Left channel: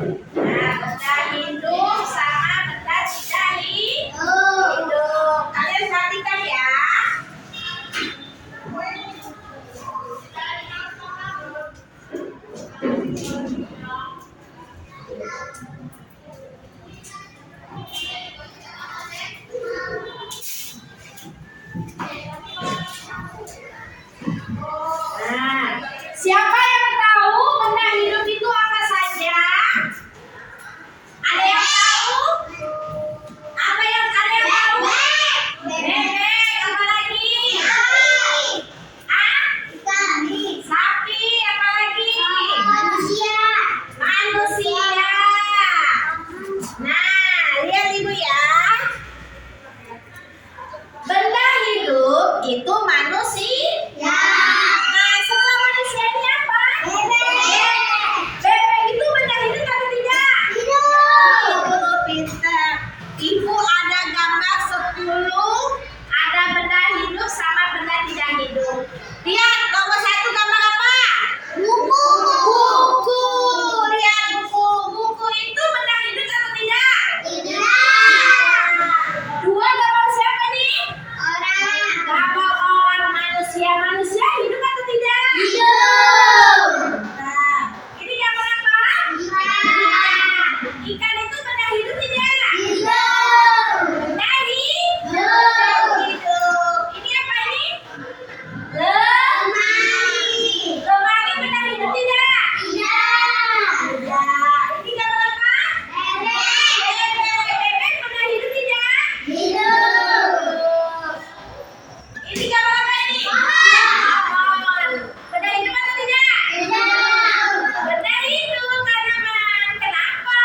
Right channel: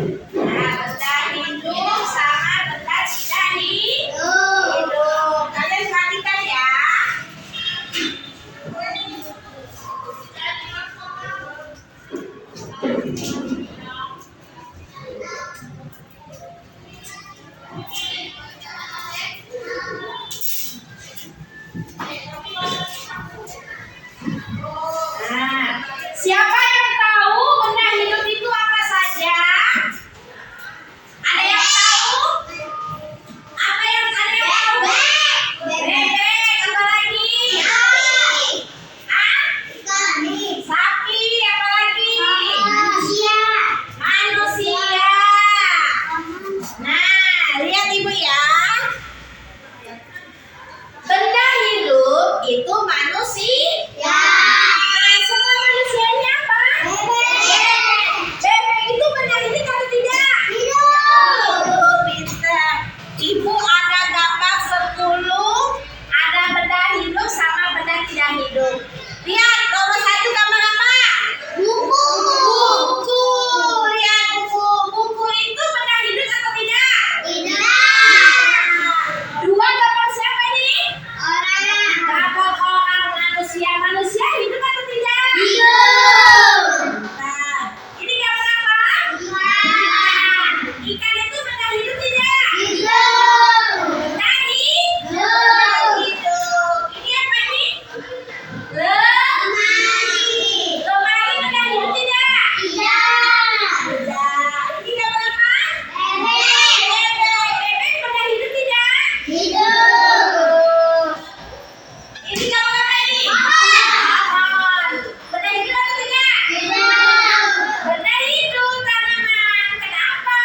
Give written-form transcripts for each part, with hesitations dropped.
Nah, benda hidup sama benda tidak hidup. Kalian perhatikan ya. Nah, siapa yang tahu benda hidup itu apa saja? Ada yang tahu? Apa yang ada yang tahu? Bebek, apa lagi? Ah? Sapi, apa lagi? Manusia. Nah, lihat Ibu ya. Benda hidup itu manusia. Nah, setelah manusia ini apa? Bebek itu benda hidup atau tidak? Hidup. Pintar. Ibu ada gambar 10. Ada benda hidup sama benda tidak hidup. Lihat nomor 1 gambar apa? Buku. Buku. Lihat buku. Buku itu benda hidup atau tidak? Dua gambar siapa nih? Gambar orang manusia. Manusia hidup atau tidak? Nah, ini gambar apa? Ikan itu benda hidup tidak? Benda hidup. Ini apa ini? Lemari benda hidup tidak? Tidak. Ini gambar apa? Bebek. Bebek benda hidup tidak? Ini gambar apa ini? Pohon. Benda hidup atau tidak? Benda hidup, tanaman. Kenapa?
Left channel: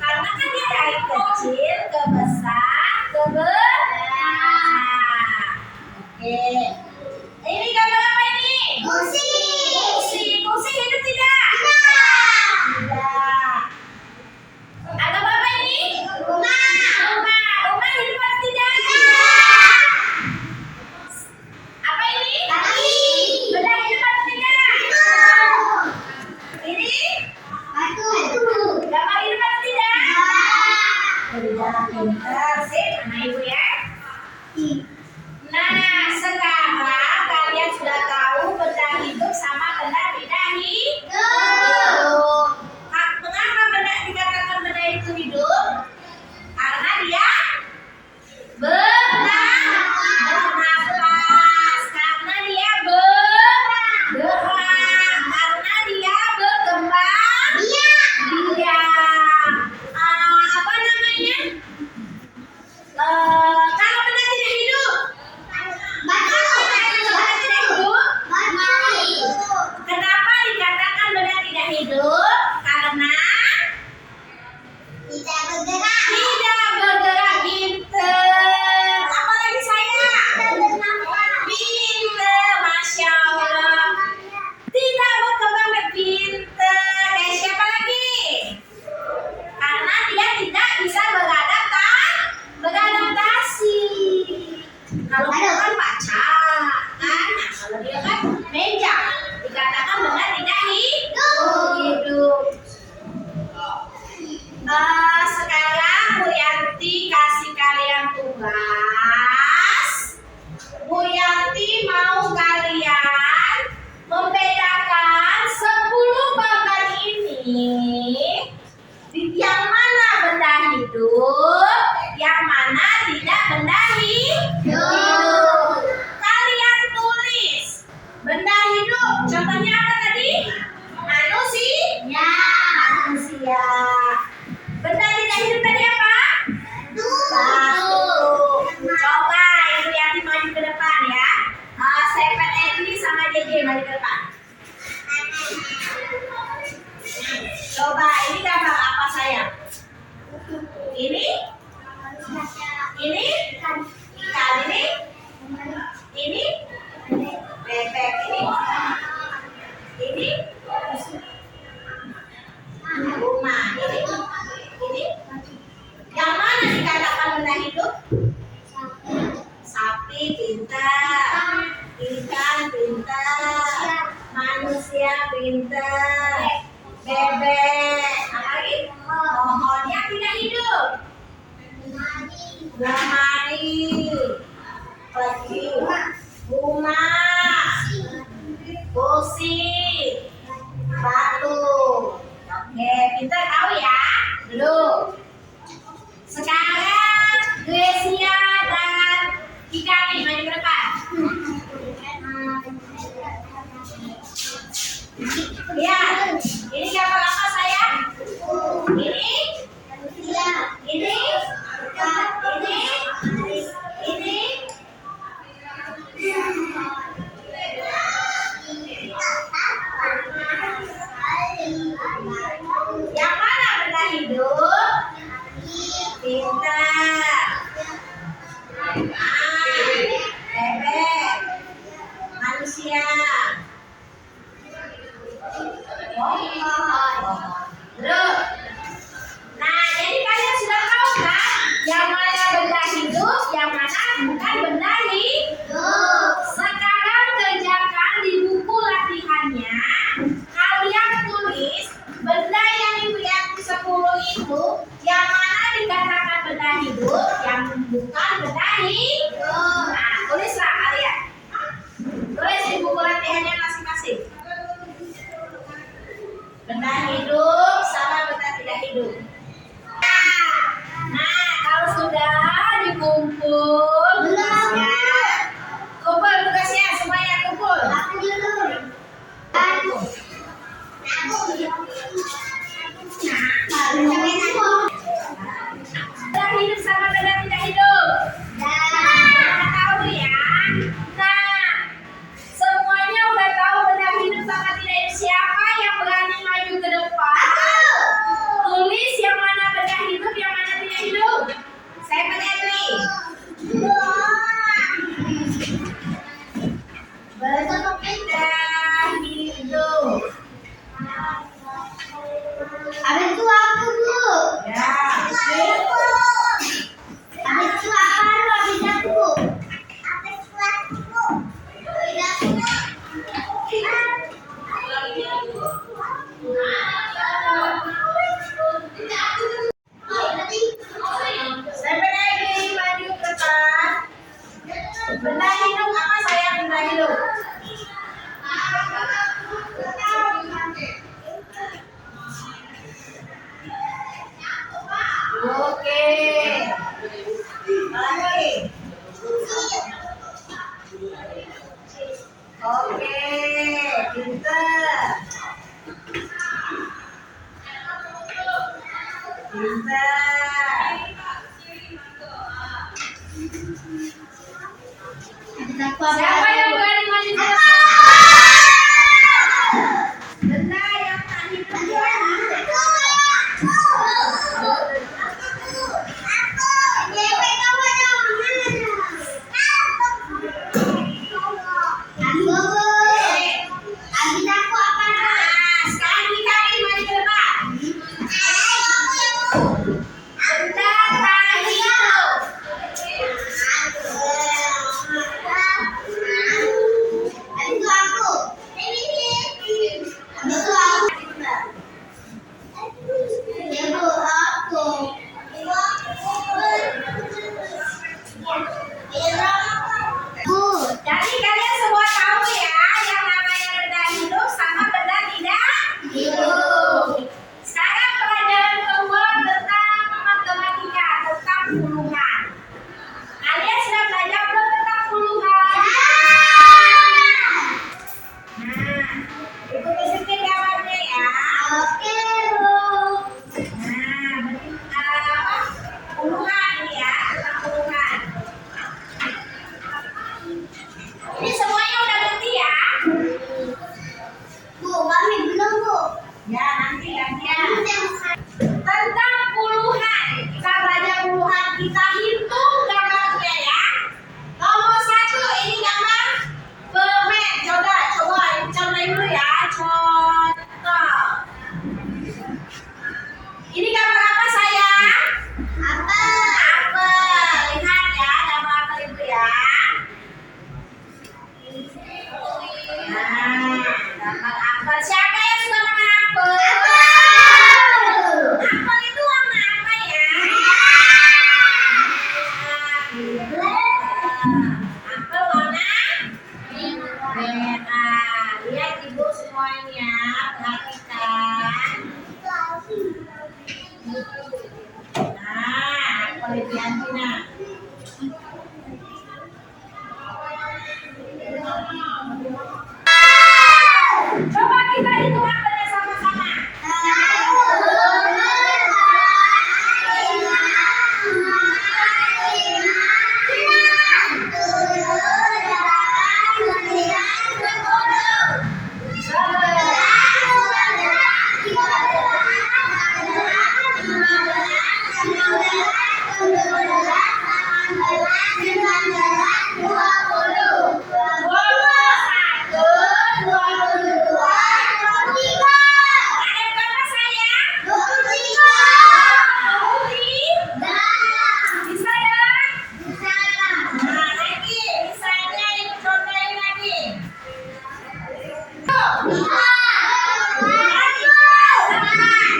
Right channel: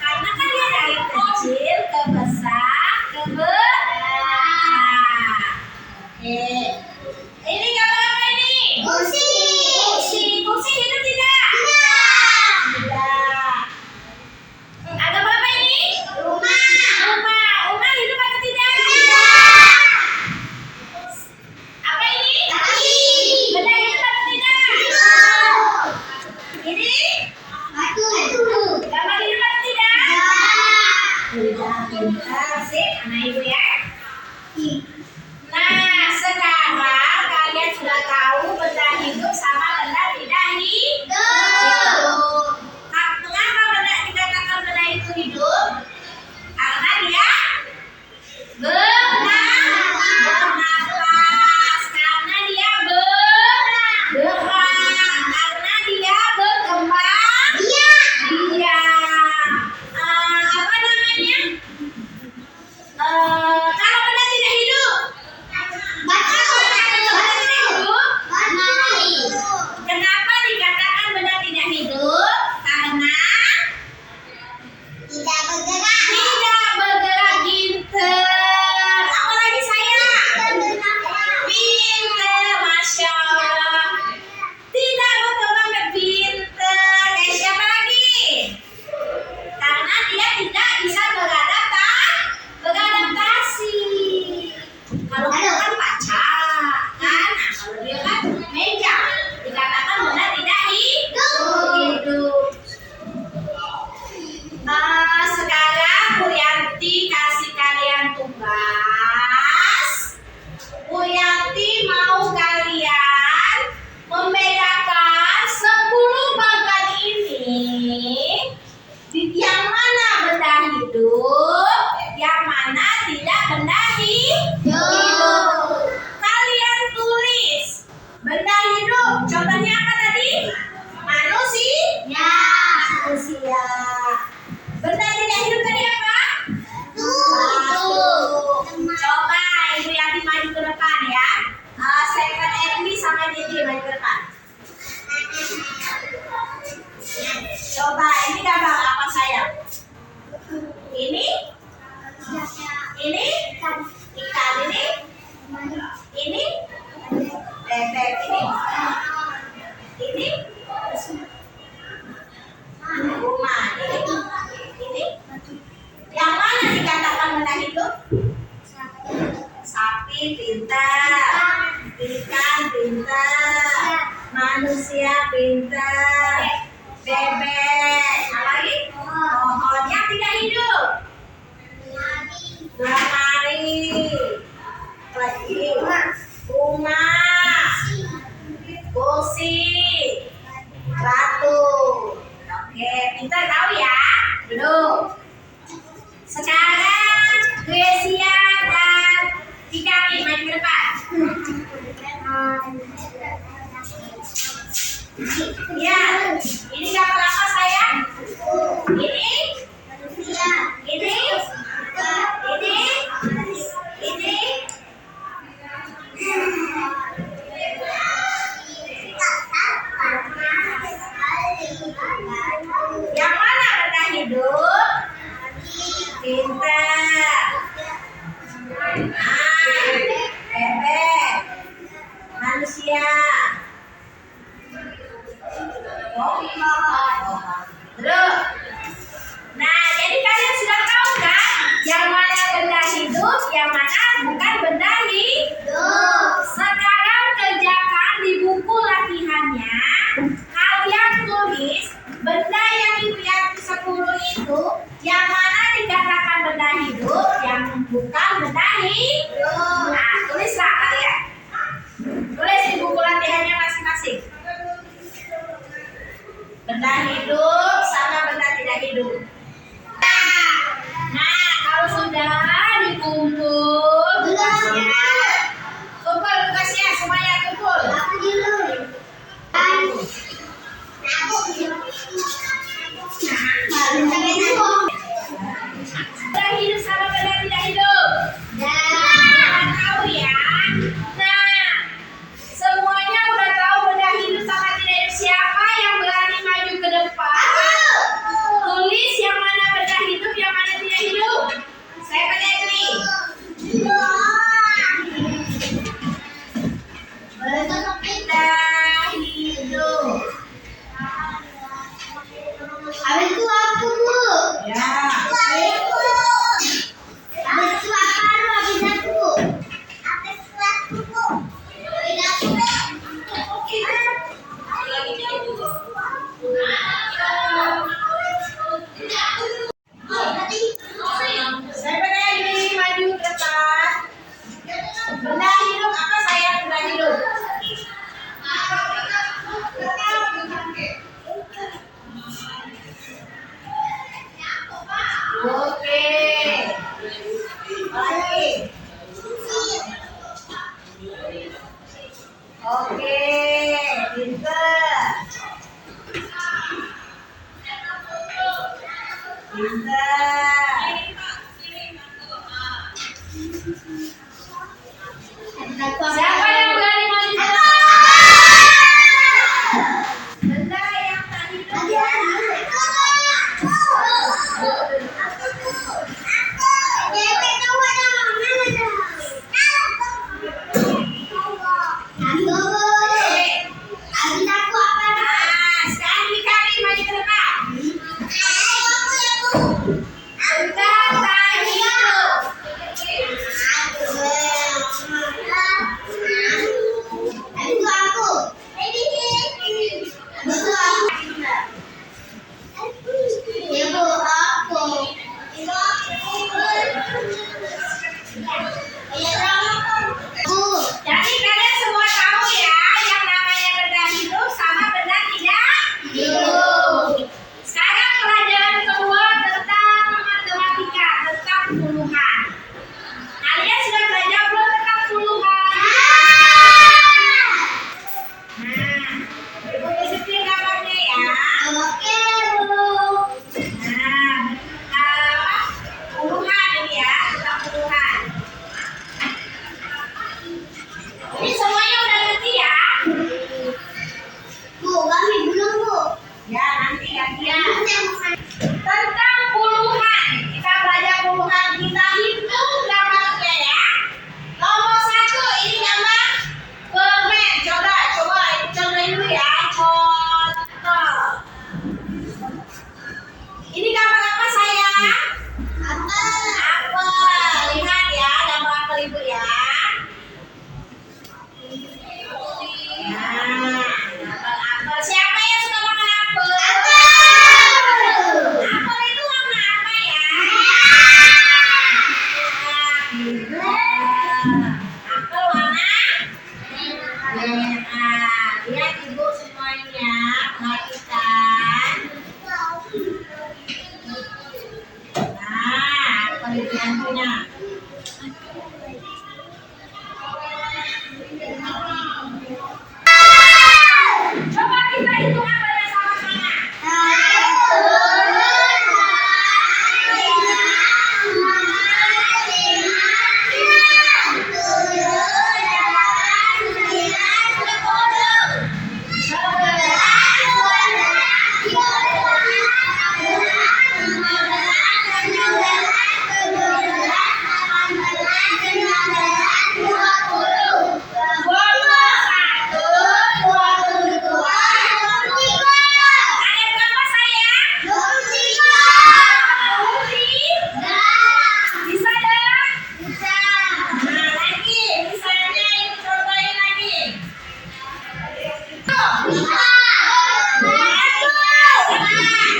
Karena kan dia dari kecil ke besar ke besar. Oke. Ini gambar apa ini? Kursi. Kursi hidup tidak? Tidak. Ada apa ini? Rumah. Rumah hidup atau tidak? Apa ini? Benda hidup atau tidak? Ini? Gambar hidup atau tidak? Tidak. Pintar. Sip, anak ibu ya. Nah, sekarang kalian sudah tahu benda hidup sama benda tidak hidup. Mengapa benda dikatakan benda itu hidup? Karena dia bernapas, karena dia bergerak, karena dia berkembang biak. Apa namanya? Kalau benda tidak hidup, kenapa dikatakan benda tidak hidup? Karena tidak bergerak. Pinter. Apalagi saya? Pinter, Masya Allah. Tidak berkembang, pinter. Kayak siapa lagi? Karena dia tidak bisa beradaptasi. Kalau dia kan pacak, kan? Nah, kalau dia kan meja, dikatakan benda tidak hidup. Sekarang Bu Yanti kasih kalian tugas. Bu Yanti mau kalian membedakan 10 bagan ini. Yang mana benda hidup, yang mana tidak benda hidup. Kalian tulis benda hidup. Contohnya apa tadi? Manusia. Benda tidak hidup tadi apa? Batu. Coba Ibu Yanti maju ke depan ya. Stephen Edwi sama JJ maju ke depan. Coba ini gambar apa sayang? Ini? Ikan. Ini? Bebek. Ini? hidup. Sekarang Grecia dan Fikari maju ke depan. Ya, ini gambar apa sayang? Ini? Ini? Ini? Yang mana benda hidup? Pintar. Bebek. Manusia. Terus. Nah, jadi kalian sudah tahu kan? Yang mana benda hidup, yang mana bukan benda hidup. Sekarang kerjakan di buku latihannya. Kalian tulis benda yang dilihat 10 itu yang mana dikatakan benda hidup, yang bukan benda hidup. Nah, tulislah kalian. Tulis di buku latihannya masing-masing. Benda hidup sama benda tidak hidup. Nah, kalau sudah dikumpul tugasnya, kumpul tugasnya semuanya kumpul. Benda hidup sama benda tidak hidup. Udah tahu ya. Nah, semuanya udah tahu benda hidup sama tidak hidup. Siapa yang berani maju ke depan? Tulis yang mana benda hidup, yang mana tidak hidup. Saya melihat nih. Benda hidup. Habis itu aku, Bu. Ya. Habis itu apa? Habis aku. Habis itu aku, Bu. Habis aku. Saya berdiri maju ke depan. Benda hidup apa saya benda hidup? Oke. Lagi. Oke, pintar. Pintar. Siapa yang berani maju ke depan? Benda yang tak hidup ya. Nah, sekarang Fikari maju ke depan. Benda tak hidup. Jadi kalian semua tahu ya yang namanya benda hidup sama benda tidak hidup. Sekarang pelajaran kedua tentang Widiantina. Coba kita hitung angkanya sama-sama. Ada berapa sayang? Bisa dong? Nah, lagi. Misalnya ini contohin lagi. Tuh.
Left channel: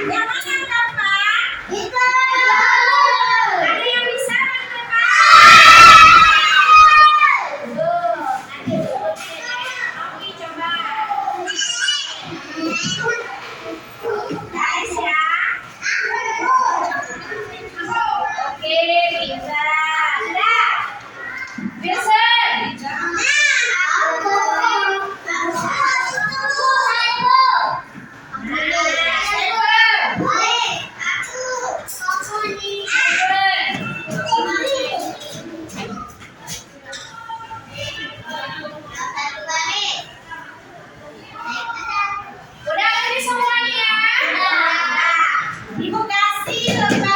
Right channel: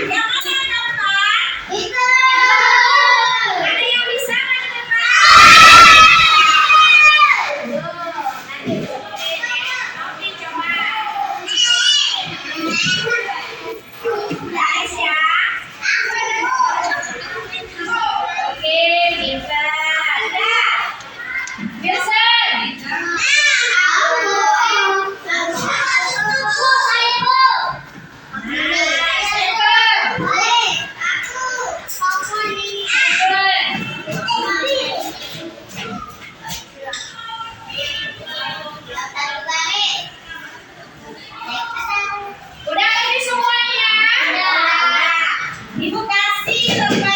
Yang mana gampang? Ada yang bisa nggak di depan? Tuh, nanti cobain ya. Oke, coba. Guys ya. Oke, bisa. Udah. Wilson. Udah ini semuanya. Ibu kasih lembar